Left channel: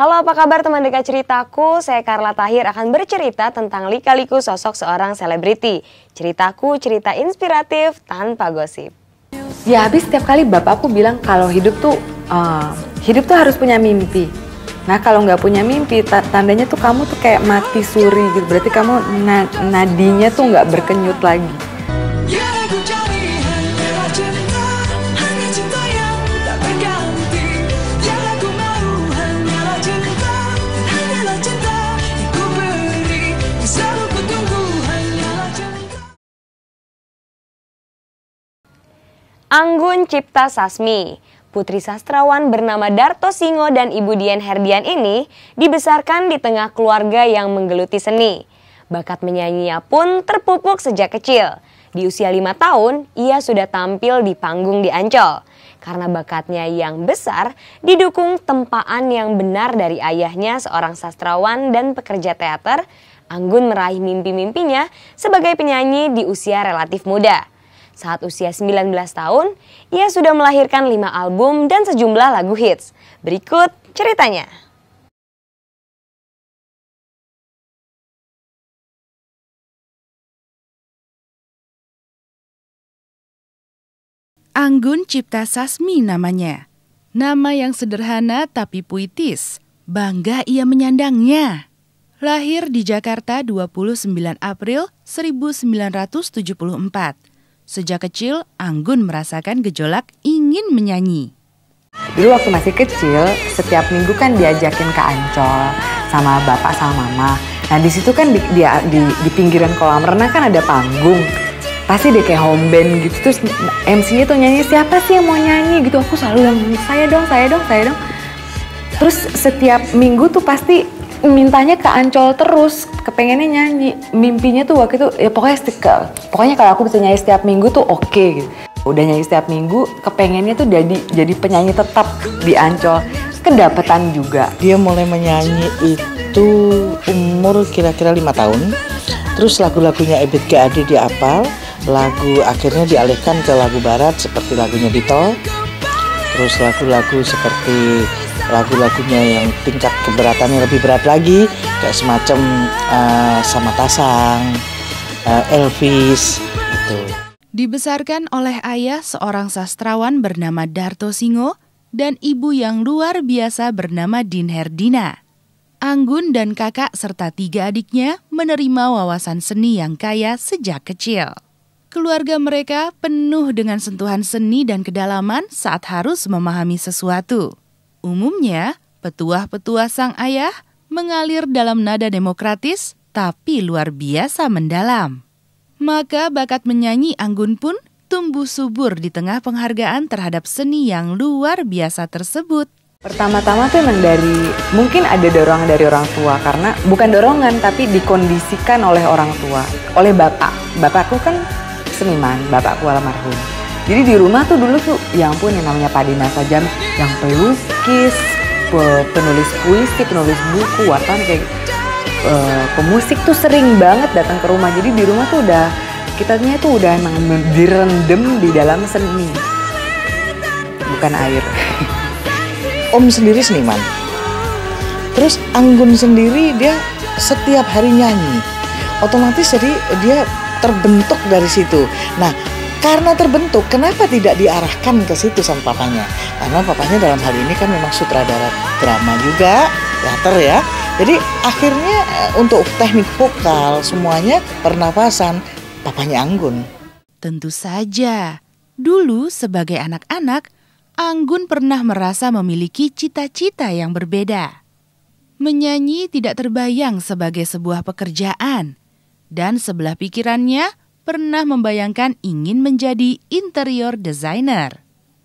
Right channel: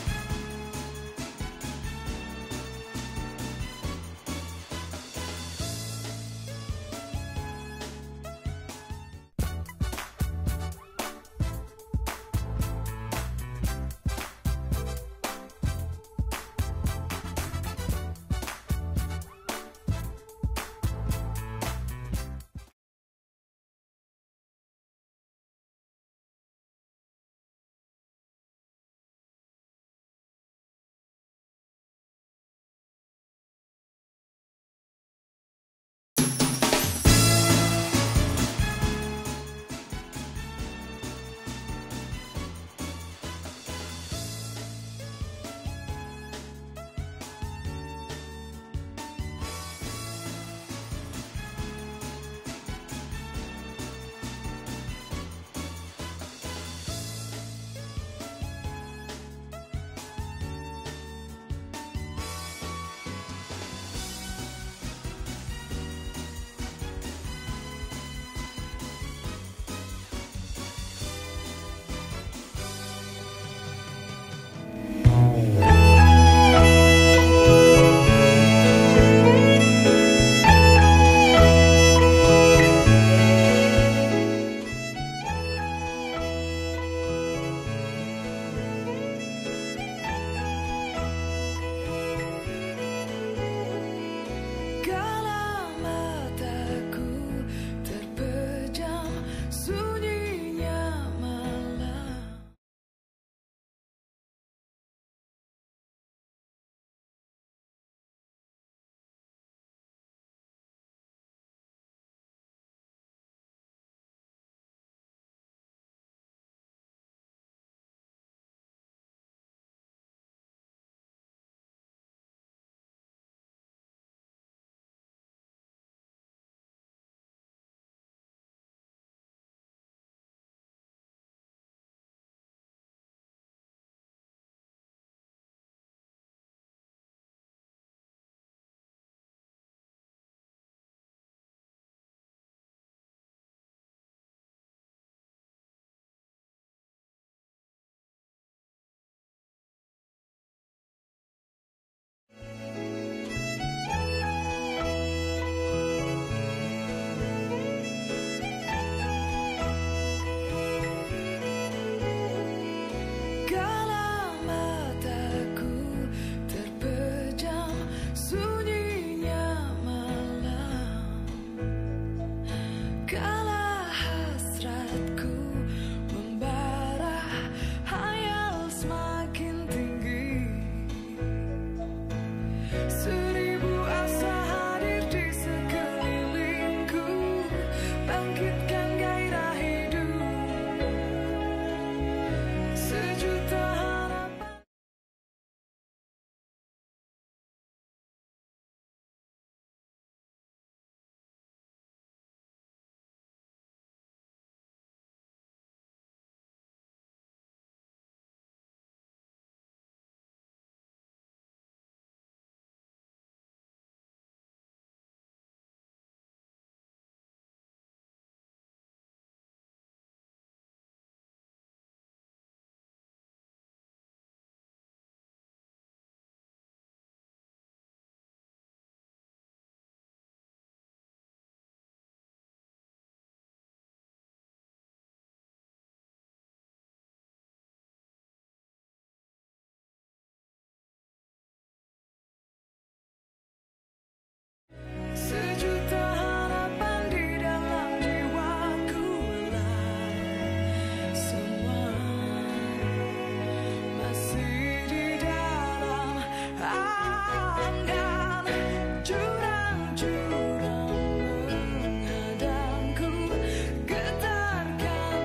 Halo, apa kabar teman dekat ceritaku? Saya Carla Tahir akan bercerita tentang lika-liku sosok seorang selebriti. Ceritaku cerita inspiratif tanpa gosip. Ya habis setiap kali bapakku bilang kalau hidup tuh harus punya mimpi. Nah kalau nggak punya mimpi, tandanya tuh kamu tuh kayak mati suri gitu. Berarti kamu nadinya tuh nggak berkenyut lagi. Anggun Cipta Sasmi, putri sastrawan bernama Darto Singo dan Ibu Dian Herdian ini dibesarkan di tengah keluarga yang menggeluti seni. Bakat menyanyinya pun terpupuk sejak kecil. Di usia 5 tahun, ia sudah tampil di panggung di Ancol. Karena bakatnya yang besar, didukung tempaan yang benar dari ayahnya seorang sastrawan dan pekerja teater, Anggun meraih mimpi-mimpinya sebagai penyanyi di usia relatif muda. Saat usia 19 tahun, ia sudah melahirkan 5 album dan sejumlah lagu hits. Berikut ceritanya. Anggun Cipta Sasmi namanya. Nama yang sederhana tapi puitis. Bangga ia menyandangnya. Lahir di Jakarta 29 April 1974. Sejak kecil, Anggun merasakan gejolak ingin menyanyi. Dulu waktu masih kecil, setiap minggu kan diajakin ke Ancol sama bapak sama mama. Nah di situ kan di pinggiran kolam renang kan ada panggung. Pasti dia kayak home band gitu, terus MC-nya tuh nyanyi, siapa sih yang mau nyanyi gitu. Aku selalu yang saya dong. Terus setiap minggu tuh pasti mintanya ke Ancol terus, kepengennya nyanyi. Mimpinya tuh waktu itu, ya pokoknya kalau aku bisa nyanyi setiap minggu tuh oke gitu. Udah nyanyi setiap minggu, kepengennya tuh jadi penyanyi tetap di Ancol. Kedapatan juga. Dia mulai menyanyi itu umur kira-kira 5 tahun. Terus lagu-lagunya Ebit G. Ade dia hafal. Lagu akhirnya dialihkan ke lagu barat seperti lagunya Dito. Terus lagu-lagu seperti lagu-lagunya yang tingkat keberatannya lebih berat lagi, kayak semacam Sama Tasang, Elvis gitu. Dibesarkan oleh ayah seorang sastrawan bernama Darto Singo dan ibu yang luar biasa bernama Din Herdina. Anggun dan kakak serta 3 adiknya menerima wawasan seni yang kaya sejak kecil. Keluarga mereka penuh dengan sentuhan seni dan kedalaman saat harus memahami sesuatu. Umumnya, petuah-petuah sang ayah mengalir dalam nada demokratis tapi luar biasa mendalam. Maka bakat menyanyi Anggun pun tumbuh subur di tengah penghargaan terhadap seni yang luar biasa tersebut. Pertama-tama tuh emang mungkin ada dorongan dari orang tua, karena bukan dorongan tapi dikondisikan oleh orang tua, oleh bapak. Bapakku kan seniman, bapakku almarhum. Jadi di rumah tuh dulu tuh, ya ampun yang namanya Pak Dina saja, yang pelukis, penulis puisi, penulis buku, wartawan kayak pemusik tuh sering banget datang ke rumah. Jadi di rumah tuh kitanya tuh udah emang direndam di dalam seni, bukan air. Om sendiri seniman. Terus Anggun sendiri dia setiap hari nyanyi. Otomatis jadi dia terbentuk dari situ. Nah, karena terbentuk, kenapa tidak diarahkan ke situ sama papanya? Karena papanya dalam hal ini kan memang sutradara drama juga, teater ya. Jadi akhirnya untuk teknik vokal semuanya pernapasan papanya Anggun. Tentu saja, dulu sebagai anak-anak, Anggun pernah merasa memiliki cita-cita yang berbeda. Menyanyi tidak terbayang sebagai sebuah pekerjaan, dan sebelah pikirannya pernah membayangkan ingin menjadi interior designer.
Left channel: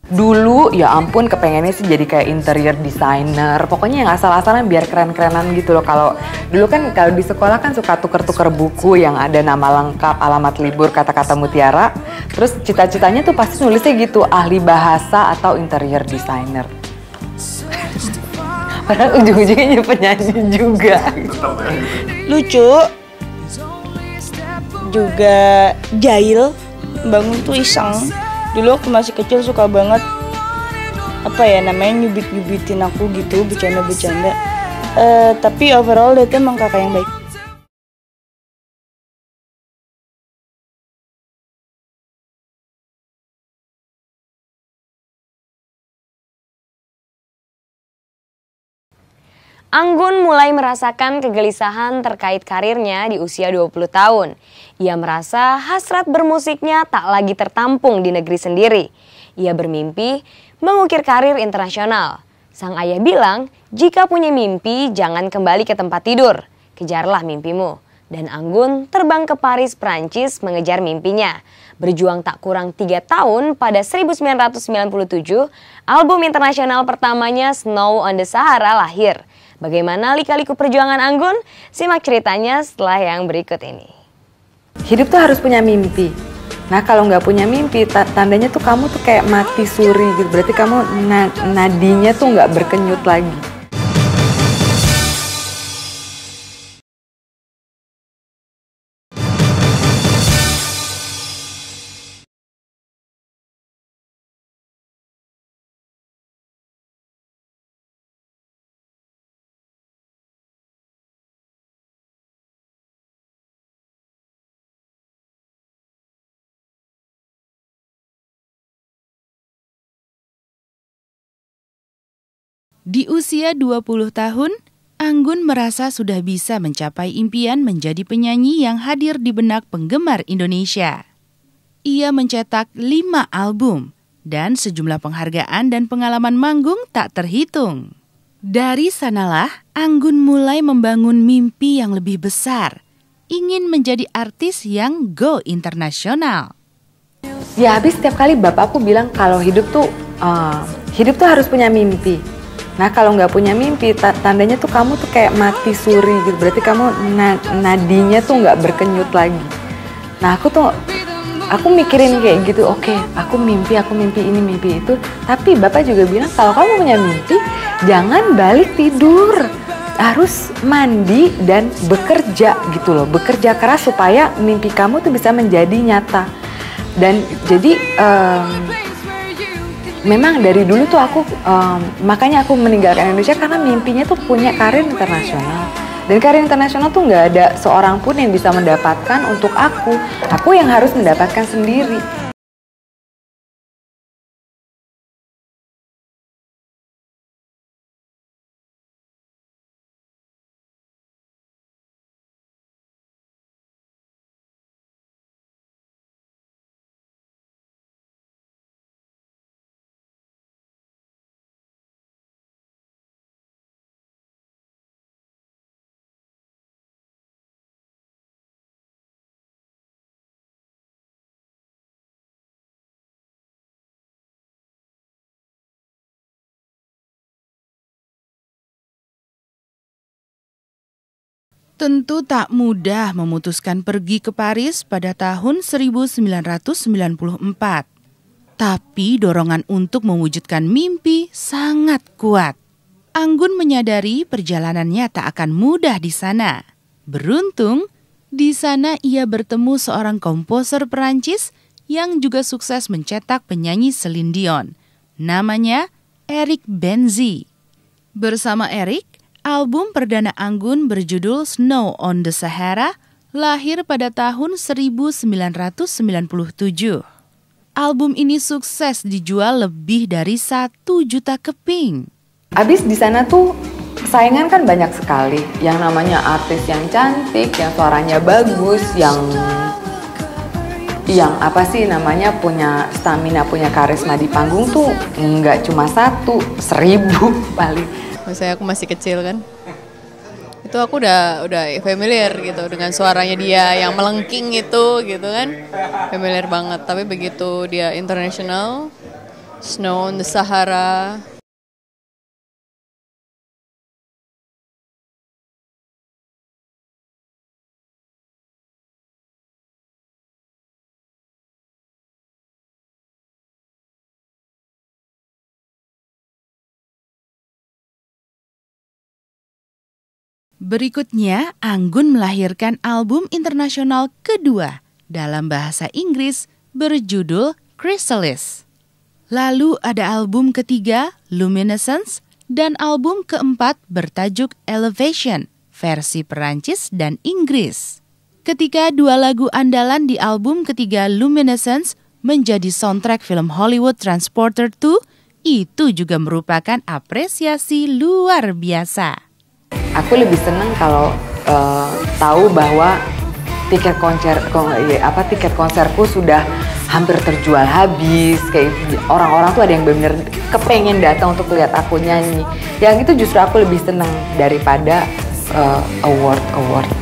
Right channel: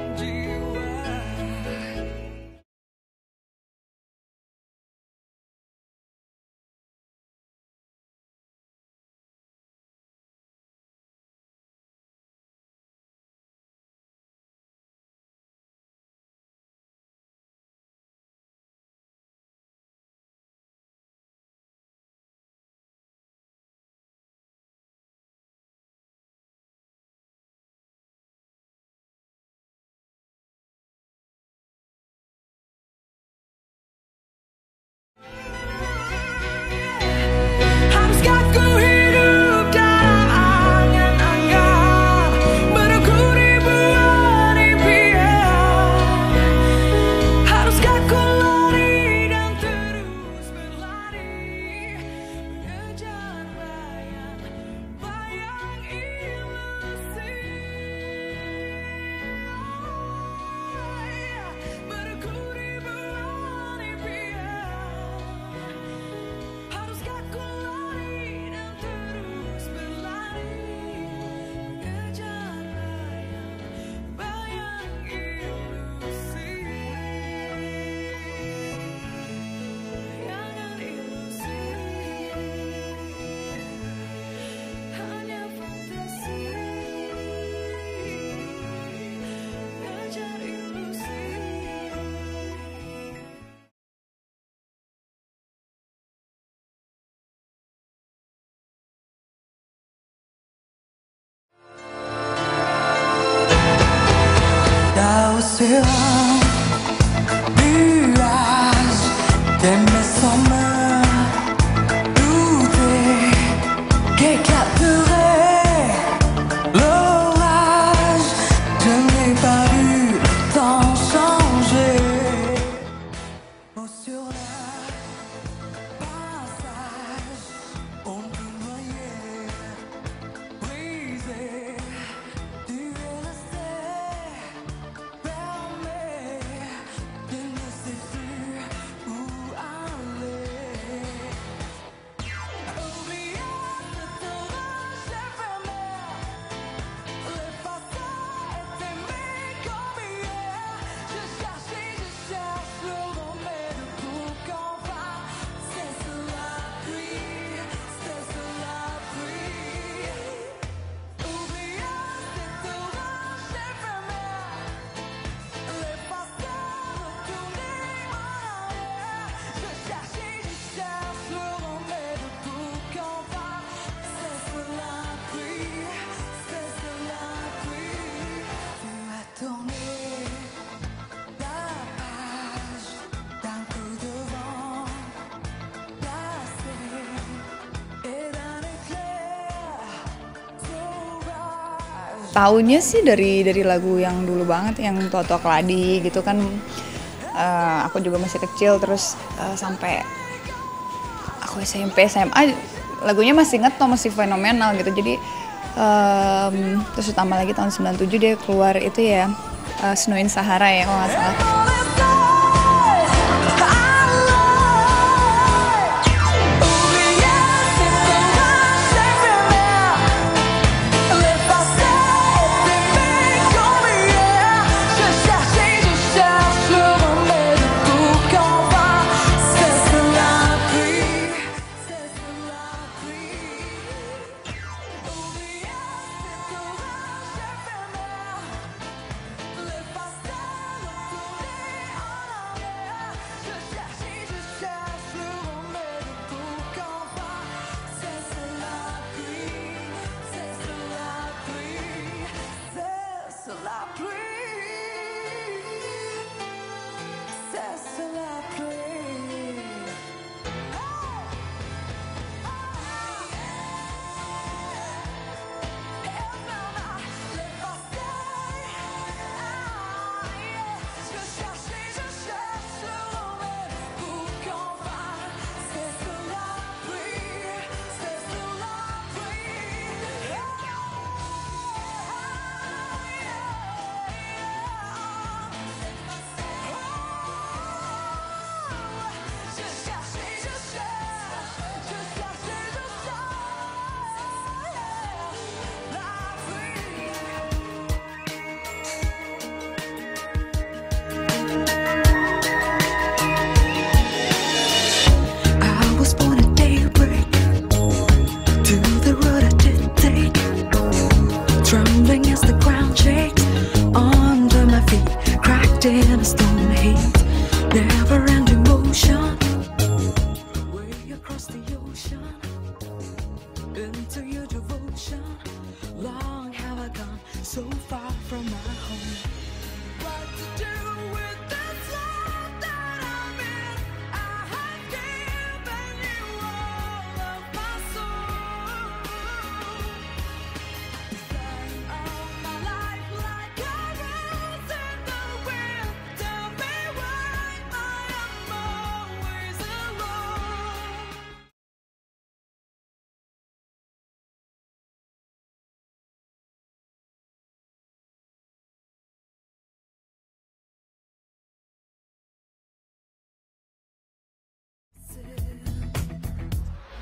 Dulu ya ampun kepengennya sih jadi kayak interior designer. Pokoknya yang asal-asalan biar keren-kerenan gitu loh. Kalau dulu kan kalau di sekolah kan suka tuker-tuker buku yang ada nama lengkap, alamat libur, kata-kata mutiara. Terus cita-citanya tuh pasti nulisnya gitu, ahli bahasa atau interior designer. Padahal ujung-ujungnya penyanyi juga. Lucu. Juga jahil, bangun tuh iseng. Dulu waktu masih kecil suka banget nyubit-nyubitin aku gitu, bercanda-bercanda. Tapi overall dia tuh emang kakak yang baik. Anggun mulai merasakan kegelisahan terkait karirnya di usia 20 tahun. Ia merasa hasrat bermusiknya tak lagi tertampung di negeri sendiri. Ia bermimpi mengukir karir internasional. Sang ayah bilang, jika punya mimpi jangan kembali ke tempat tidur, kejarlah mimpimu. Dan Anggun terbang ke Paris, Prancis mengejar mimpinya. Berjuang tak kurang 3 tahun, pada 1997, album internasional pertamanya Snow on the Sahara lahir. Bagaimana lika-liku perjuangan Anggun? Simak ceritanya setelah yang berikut ini. Hidup tuh harus punya mimpi. Nah kalau nggak punya mimpi, tandanya tuh kamu tuh kayak mati suri gitu. Berarti kamu nadinya tuh nggak berkenyut lagi. Di usia 20 tahun, Anggun merasa sudah bisa mencapai impian menjadi penyanyi yang hadir di benak penggemar Indonesia. Ia mencetak 5 album dan sejumlah penghargaan dan pengalaman manggung tak terhitung. Dari sanalah Anggun mulai membangun mimpi yang lebih besar, ingin menjadi artis yang go internasional. Ya habis setiap kali bapakku bilang kalau hidup tuh harus punya mimpi. Nah kalau nggak punya mimpi, tandanya tuh kamu tuh kayak mati suri gitu. Berarti kamu nadinya tuh nggak berkenyut lagi. Nah aku mikirin kayak gitu, oke, aku mimpi ini, mimpi itu. Tapi bapak juga bilang kalau kamu punya mimpi, jangan balik tidur. Harus mandi dan bekerja gitu loh. Bekerja keras supaya mimpi kamu tuh bisa menjadi nyata. Dan jadi memang dari dulu tuh aku, makanya aku meninggalkan Indonesia karena mimpinya tuh punya karir internasional. Dan karir internasional tuh nggak ada seorang pun yang bisa mendapatkan untuk aku. Aku yang harus mendapatkan sendiri. Taunya sih dari lagu yang dulu banget, yang Toto Keladi gitu kan. Aku juga masih kecil, terus sampai aku SMP, SMA, lagunya masih ngetop, masih fenomenal gitu. Jadi terus ditambah lagi tahun 97 dia keluar itu ya, Snow in Sahara ya kalau nggak salah. Tentu tak mudah memutuskan pergi ke Paris pada tahun 1994. Tapi dorongan untuk mewujudkan mimpi sangat kuat. Anggun menyadari perjalanannya tak akan mudah di sana. Beruntung, di sana ia bertemu seorang komposer Perancis yang juga sukses mencetak penyanyi Celine Dion. Namanya Eric Benzi. Bersama Eric, album perdana Anggun berjudul Snow on the Sahara lahir pada tahun 1997. Album ini sukses dijual lebih dari 1 juta keping. Abis di sana tuh saingan kan banyak sekali. Yang namanya artis yang cantik, yang suaranya bagus, yang apa sih namanya punya stamina, punya karisma di panggung tuh nggak cuma 1, 1000 paling. Misalnya aku masih kecil kan, itu aku udah familiar gitu dengan suaranya dia yang melengking itu gitu kan, familiar banget. Tapi begitu dia international, Snow on the Sahara. Berikutnya, Anggun melahirkan album internasional kedua dalam bahasa Inggris berjudul Chrysalis. Lalu ada album ketiga, Luminescence, dan album keempat bertajuk Elevation, versi Perancis dan Inggris. Ketika dua lagu andalan di album ketiga Luminescence menjadi soundtrack film Hollywood Transporter 2, itu juga merupakan apresiasi luar biasa. Aku lebih seneng kalau tahu bahwa tiket konserku sudah hampir terjual habis. Kayak orang-orang tuh ada yang benar-benar kepengen datang untuk lihat aku nyanyi. Yang itu justru aku lebih seneng daripada award.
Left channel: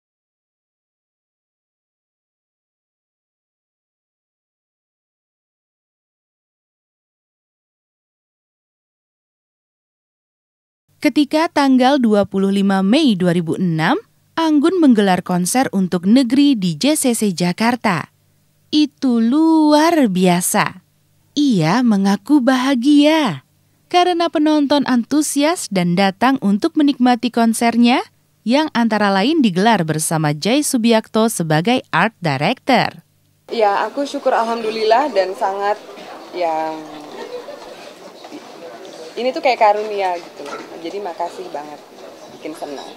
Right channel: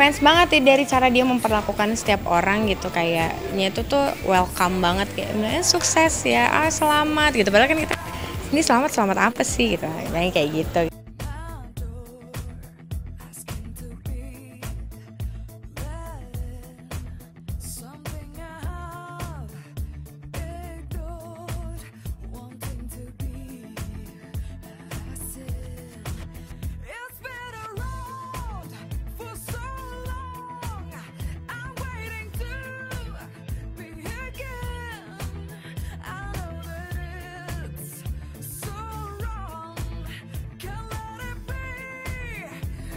Fans banget ya dari cara dia memperlakukan setiap orang gitu, kayaknya itu tuh welcome banget, kayak sukses ya, selamat gitu. Padahal kan kita ini selamat apa sih gitu, kayak gitu. Ketika tanggal 25 Mei 2006, Anggun menggelar konser untuk negeri di JCC Jakarta. Itu luar biasa. Ia mengaku bahagia karena penonton antusias dan datang untuk menikmati konsernya yang antara lain digelar bersama Jay Subiakto sebagai art director. Ya, aku syukur alhamdulillah dan sangat ini tuh kayak karunia gitu. Jadi makasih banget, bikin senang.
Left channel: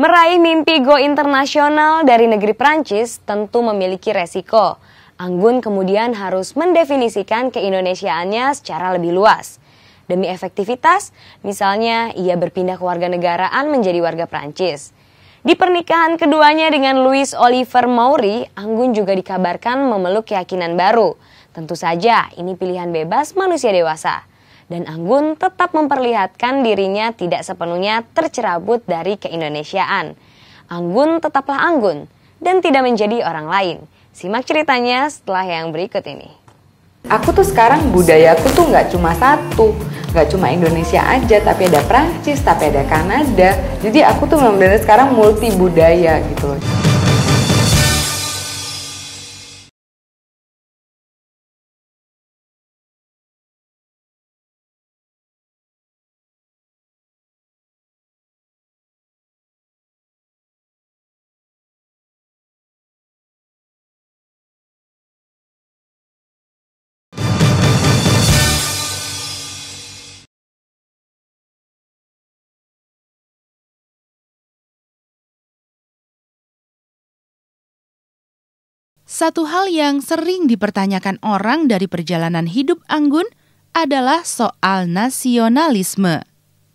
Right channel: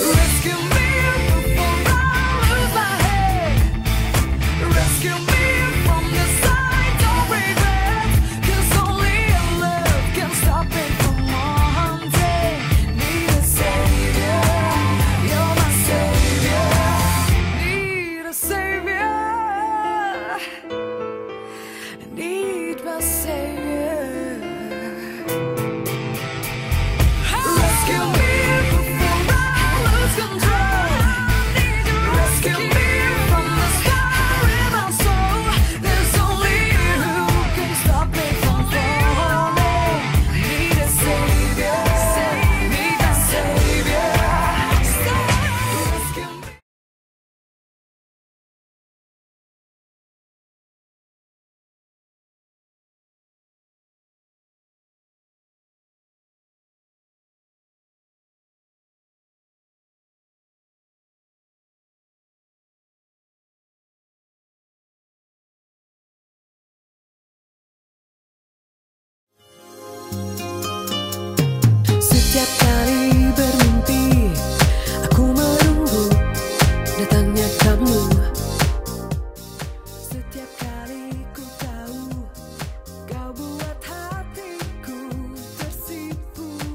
Meraih mimpi go internasional dari negeri Prancis tentu memiliki resiko. Anggun kemudian harus mendefinisikan keindonesiaannya secara lebih luas. Demi efektivitas, misalnya ia berpindah kewarganegaraan menjadi warga Prancis. Di pernikahan keduanya dengan Louis Oliver Maury, Anggun juga dikabarkan memeluk keyakinan baru. Tentu saja ini pilihan bebas manusia dewasa. Dan Anggun tetap memperlihatkan dirinya tidak sepenuhnya tercerabut dari keindonesiaan. Anggun tetaplah Anggun dan tidak menjadi orang lain. Simak ceritanya setelah yang berikut ini. Aku tuh sekarang budayaku tuh nggak cuma satu, nggak cuma Indonesia aja, tapi ada Prancis, tapi ada Kanada. Jadi aku tuh benar-benar sekarang multi budaya gitu loh. Setiap kali bermimpi, aku menunggu datangnya kamu. Satu hal yang sering dipertanyakan orang dari perjalanan hidup Anggun adalah soal nasionalisme.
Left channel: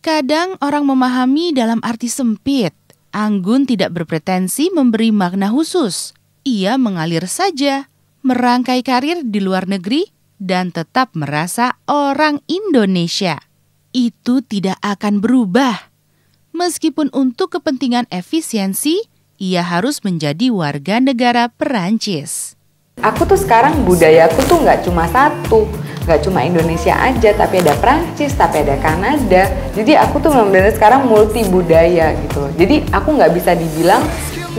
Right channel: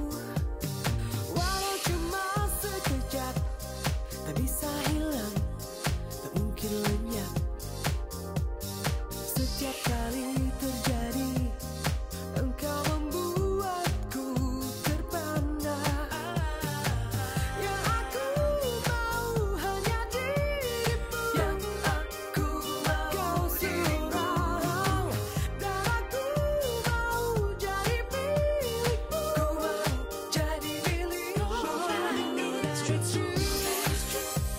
Kadang orang memahami dalam arti sempit. Anggun tidak berpretensi memberi makna khusus. Ia mengalir saja, merangkai karir di luar negeri dan tetap merasa orang Indonesia. Itu tidak akan berubah. Meskipun untuk kepentingan efisiensi, ia harus menjadi warga negara Perancis. Aku tuh sekarang budayaku tuh nggak cuma satu, nggak cuma Indonesia aja, tapi ada Prancis, tapi ada Kanada. Jadi aku tuh benar-benar sekarang multi budaya gitu loh. Jadi aku nggak bisa dibilang,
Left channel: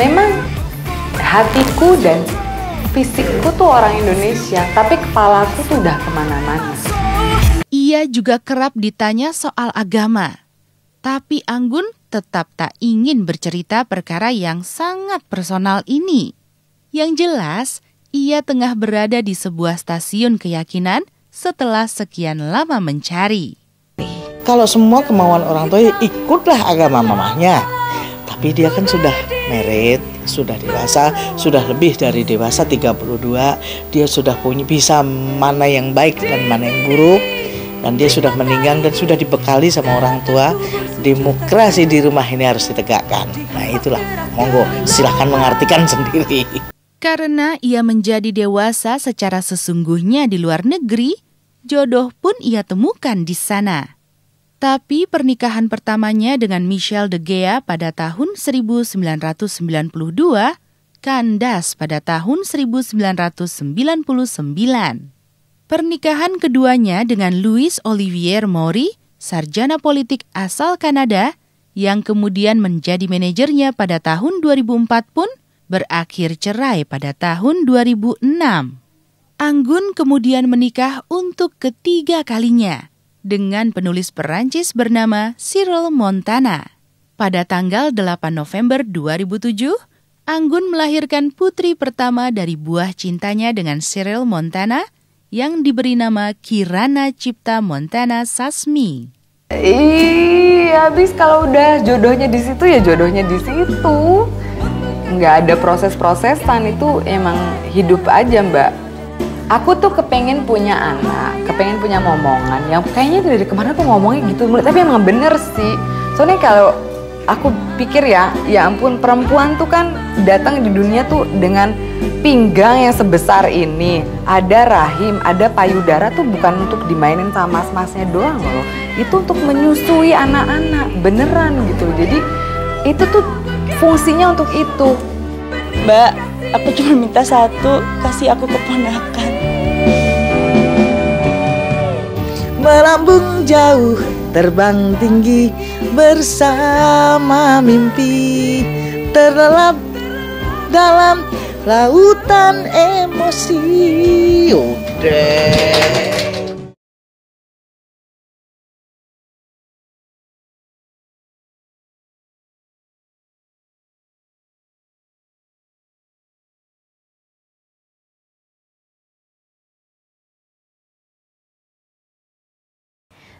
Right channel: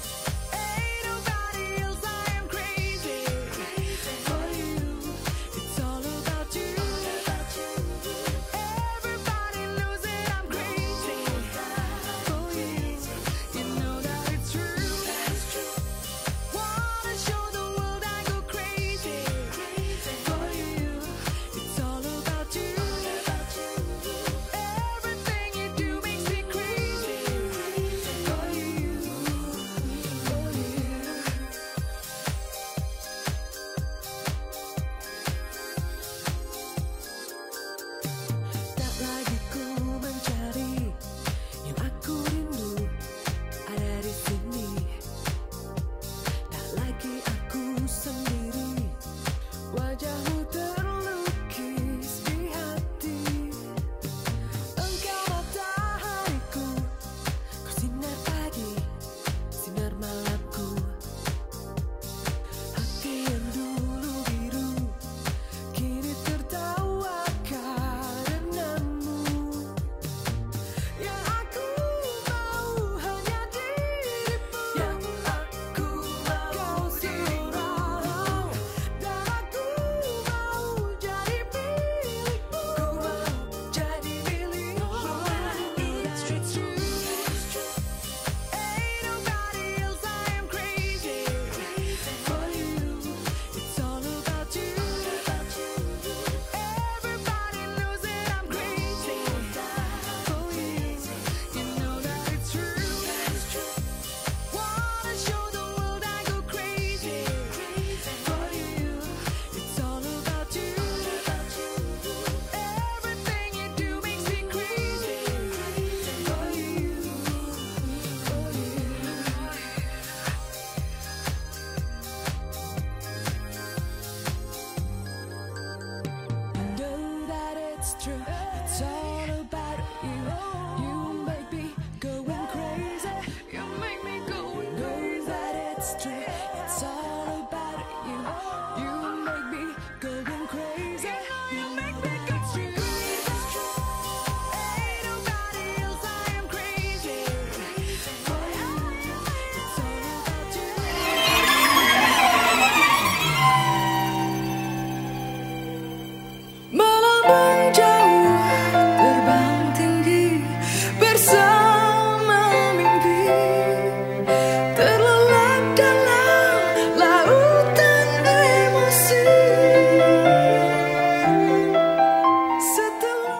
memang hatiku dan fisikku tuh orang Indonesia, tapi kepalaku tuh udah kemana-mana. Ia juga kerap ditanya soal agama. Tapi Anggun tetap tak ingin bercerita perkara yang sangat personal ini. Yang jelas, ia tengah berada di sebuah stasiun keyakinan setelah sekian lama mencari. Kalau semua kemauan orang tua ikutlah agama mamahnya. Tapi dia kan sudah married, sudah dewasa, sudah lebih dari dewasa 32. Dia sudah bisa mana yang baik dan mana yang buruk. Dan dia sudah meninggal dan sudah dibekali sama orang tua. Demokrasi di rumah ini harus ditegakkan. Nah itulah, monggo silahkan mengartikan sendiri. Karena ia menjadi dewasa secara sesungguhnya di luar negeri, jodoh pun ia temukan di sana. Tapi pernikahan pertamanya dengan Michelle de Gea pada tahun 1992 kandas pada tahun 1999. Pernikahan keduanya dengan Louis Olivier Maury, sarjana politik asal Kanada, yang kemudian menjadi manajernya pada tahun 2004 pun berakhir cerai pada tahun 2006. Anggun kemudian menikah untuk ketiga kalinya dengan penulis Perancis bernama Cyril Montana. Pada tanggal 8 November 2007, Anggun melahirkan putri pertama dari buah cintanya dengan Cyril Montana yang diberi nama Kirana Cipta Montana Sasmi. Habis kalau udah jodohnya di situ ya jodohnya di situ. Nggak ada proses-prosesan, itu emang hidup aja, Mbak. Aku tuh kepengen punya anak, kepengen punya momongan yang kayaknya dari kemana tuh ngomongnya gitu, tapi emang bener sih. Soalnya kalau aku pikir ya ampun, perempuan tuh kan datang di dunia tuh dengan pinggang yang sebesar ini. Ada rahim, ada payudara tuh bukan untuk dimainin sama mas-masnya doang loh. Itu untuk menyusui anak-anak, beneran gitu. Jadi itu tuh fungsinya untuk itu. Mbak, aku cuma minta satu, kasih aku keponakan. Melambung jauh, terbang tinggi bersama mimpi, terlelap dalam lautan emosi. Udah. Melambung jauh, terbang tinggi bersama mimpi, terlelap dalam lautan emosi.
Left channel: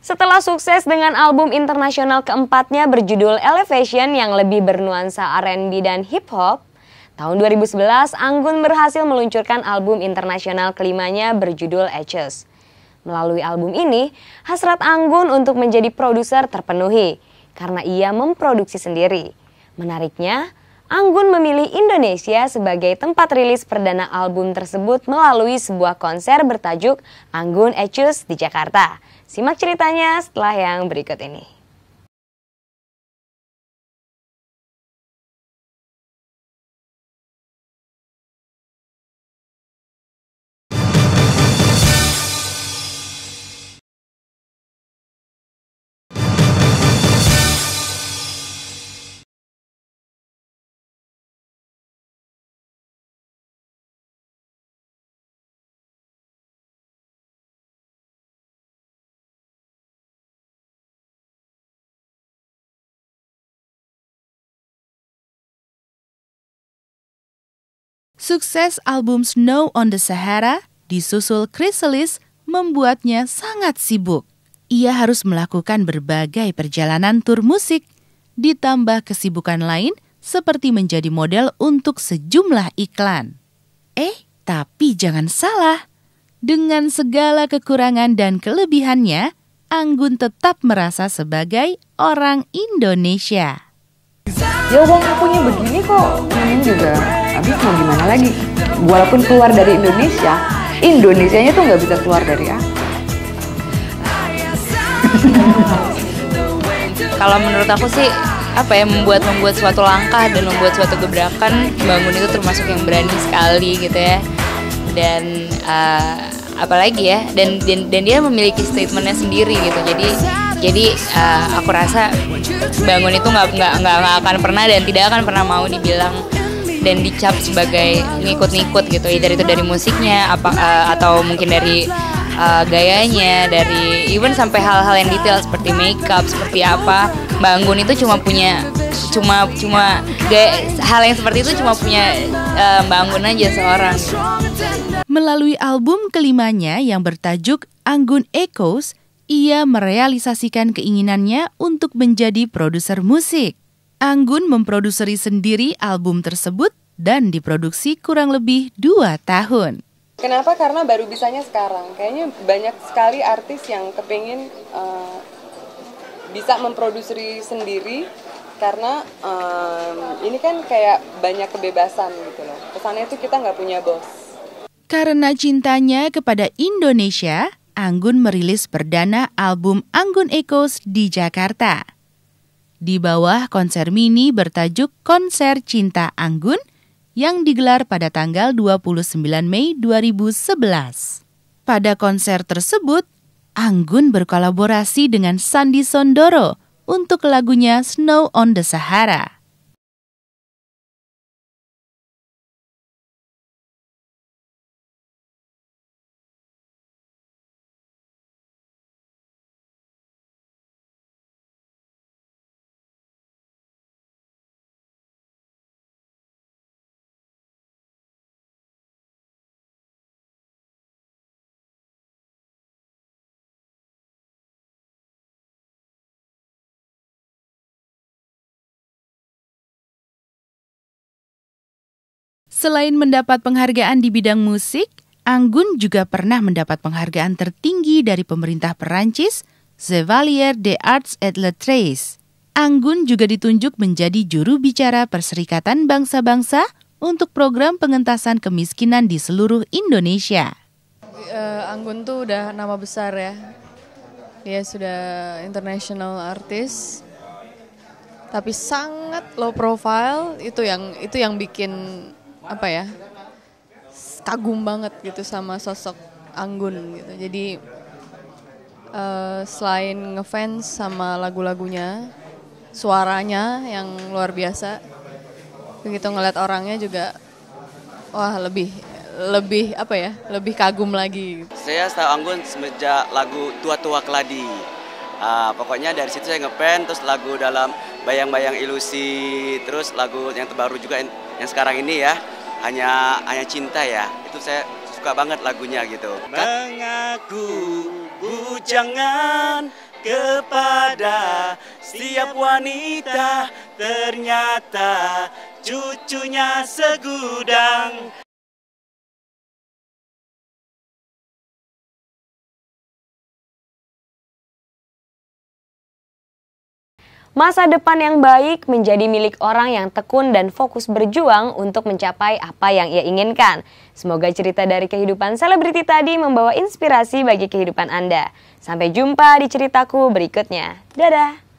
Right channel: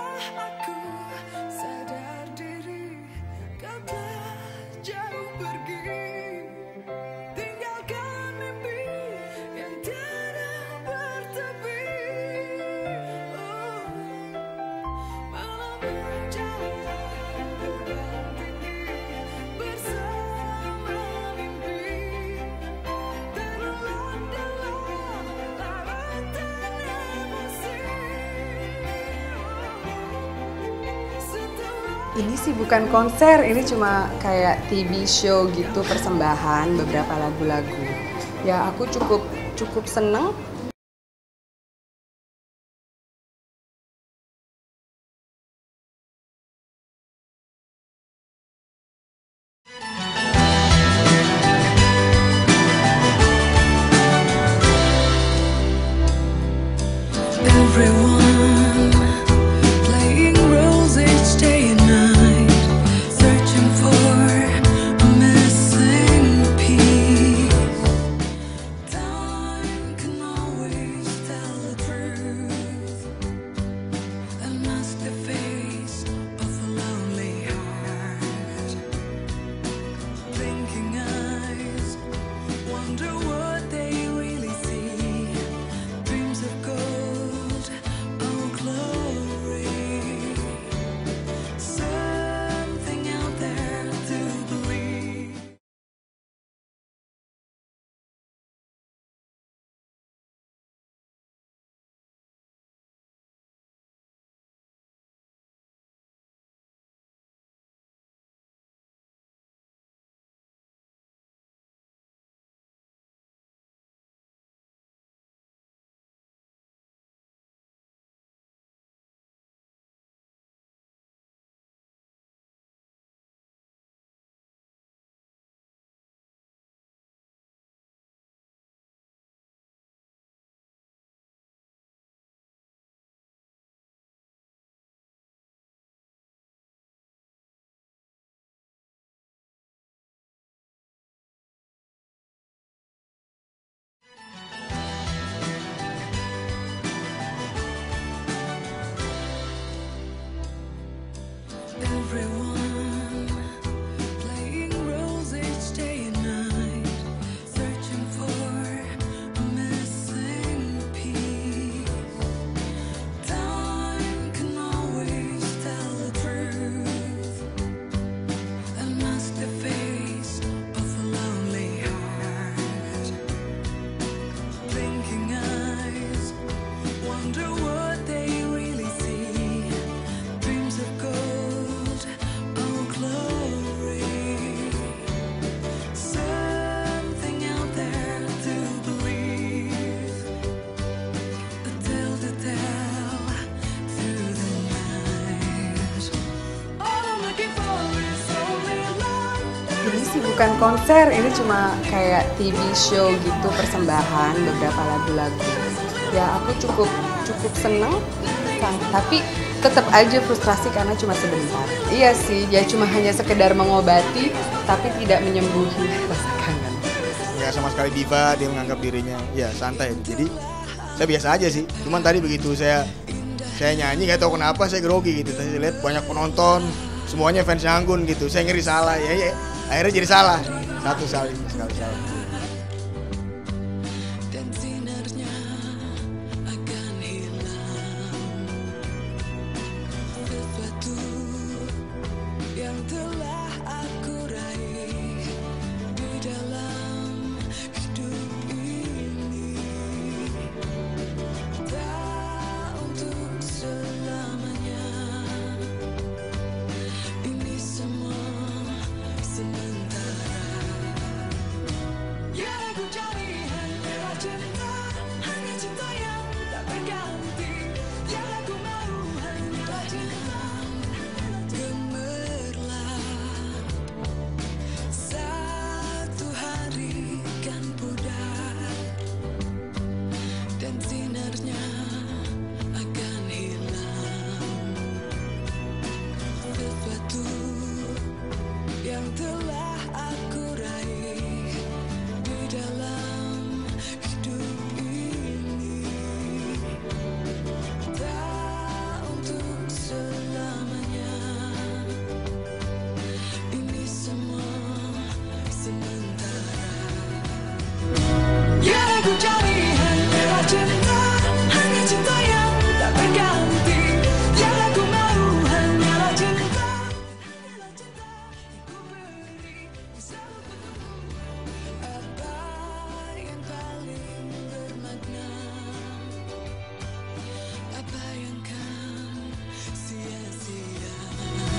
Setelah sukses dengan album internasional keempatnya berjudul Elevation yang lebih bernuansa R&B dan hip hop, tahun 2011 Anggun berhasil meluncurkan album internasional kelimanya berjudul Ashes. Melalui album ini, hasrat Anggun untuk menjadi produser terpenuhi karena ia memproduksi sendiri. Menariknya, Anggun memilih Indonesia sebagai tempat rilis perdana album tersebut melalui sebuah konser bertajuk Anggun Ashes di Jakarta. Simak ceritanya setelah yang berikut ini. Ini sih bukan konser, ini cuma kayak TV show gitu, persembahan beberapa lagu-lagu. Ya aku cukup seneng. Sukses album Snow on the Sahara disusul Chrysalis membuatnya sangat sibuk. Ia harus melakukan berbagai perjalanan tur musik, ditambah kesibukan lain seperti menjadi model untuk sejumlah iklan. Tapi jangan salah, dengan segala kekurangan dan kelebihannya, Anggun tetap merasa sebagai orang Indonesia. Ya uang akunya begini kok, namanya juga habis mau gimana lagi. Walaupun keluar dari Indonesia, Indonesianya tuh nggak bisa keluar dari aku. Kalau menurut aku sih membuat suatu langkah dan membuat suatu gebrakan, Bangun itu termasuk yang berani sekali gitu ya. Dan apalagi ya, dan dia memiliki statementnya sendiri gitu. Jadi aku rasa Bangun itu nggak akan pernah dan tidak akan pernah mau dibilang dan dicap sebagai ngikut-ngikut gitu. Either itu dari musiknya atau mungkin dari gayanya, dari even sampai hal-hal yang detail seperti makeup, seperti apa. Bangun itu cuma hal yang seperti itu cuma punya Bangun aja seorang. Melalui album kelimanya yang bertajuk Anggun Echoes, ia merealisasikan keinginannya untuk menjadi produser musik. Anggun memproduseri sendiri album tersebut dan diproduksi kurang lebih 2 tahun. Kenapa? Karena baru bisanya sekarang. Kayaknya banyak sekali artis yang kepengen bisa memproduksi sendiri karena ini kan kayak banyak kebebasan gitu loh. Kesannya sih kita nggak punya bos. Karena cintanya kepada Indonesia, Anggun merilis perdana album Anggun Echoes di Jakarta. Di bawah konser mini bertajuk Konser Cinta Anggun yang digelar pada tanggal 29 Mei 2011. Pada konser tersebut, Anggun berkolaborasi dengan Sandy Sondoro untuk lagunya Snow on the Sahara. Ini sih bukan konser, ini cuma kayak TV show gitu, persembahan beberapa lagu-lagu. Ya aku cukup seneng, tapi tetap aja frustrasi karena cuma sebentar. Iya sih, ya cuma hanya sekedar mengobati, tapi tidak menyembuhi rasa kangen. Nggak sama sekali diva, dia menganggap dirinya ya santai. Jadi saya biasa aja sih. Cuman tadi begitu saya nyanyi nggak tahu kenapa saya grogi gitu. Saya lihat banyak penonton, semuanya fans Anggun gitu. Saya ngeri salah ya. Akhirnya jadi salah. Sekali salah. Selain mendapat penghargaan di bidang musik, Anggun juga pernah mendapat penghargaan tertinggi dari pemerintah Perancis, Chevalier des Arts et Lettres. Anggun juga ditunjuk menjadi juru bicara Perserikatan Bangsa-Bangsa untuk program pengentasan kemiskinan di seluruh Indonesia. Anggun tuh udah nama besar ya. Dia sudah international artist, tapi sangat low profile. Itu yang bikin apa ya? Kagum banget gitu sama sosok Anggun. Jadi selain ngefans sama lagu-lagunya, suaranya yang luar biasa, begitu ngeliat orangnya juga wah lebih kagum lagi. Saya tahu Anggun semenjak lagu Tua-Tua Keladi. Pokoknya dari situ saya ngeband, terus lagu dalam Bayang-Bayang Ilusi, terus lagu yang terbaru juga yang sekarang ini ya, hanya cinta ya. Itu saya suka banget lagunya gitu. Mengaku jangan kepada setiap wanita, ternyata cucunya segudang. Yang aku cari hanyalah cinta, hanya cinta yang tak berganti. Yang aku mau hanyalah cinta. Masa depan yang baik menjadi milik orang yang tekun dan fokus berjuang untuk mencapai apa yang ia inginkan. Semoga cerita dari kehidupan selebriti tadi membawa inspirasi bagi kehidupan Anda. Sampai jumpa di ceritaku berikutnya. Dadah!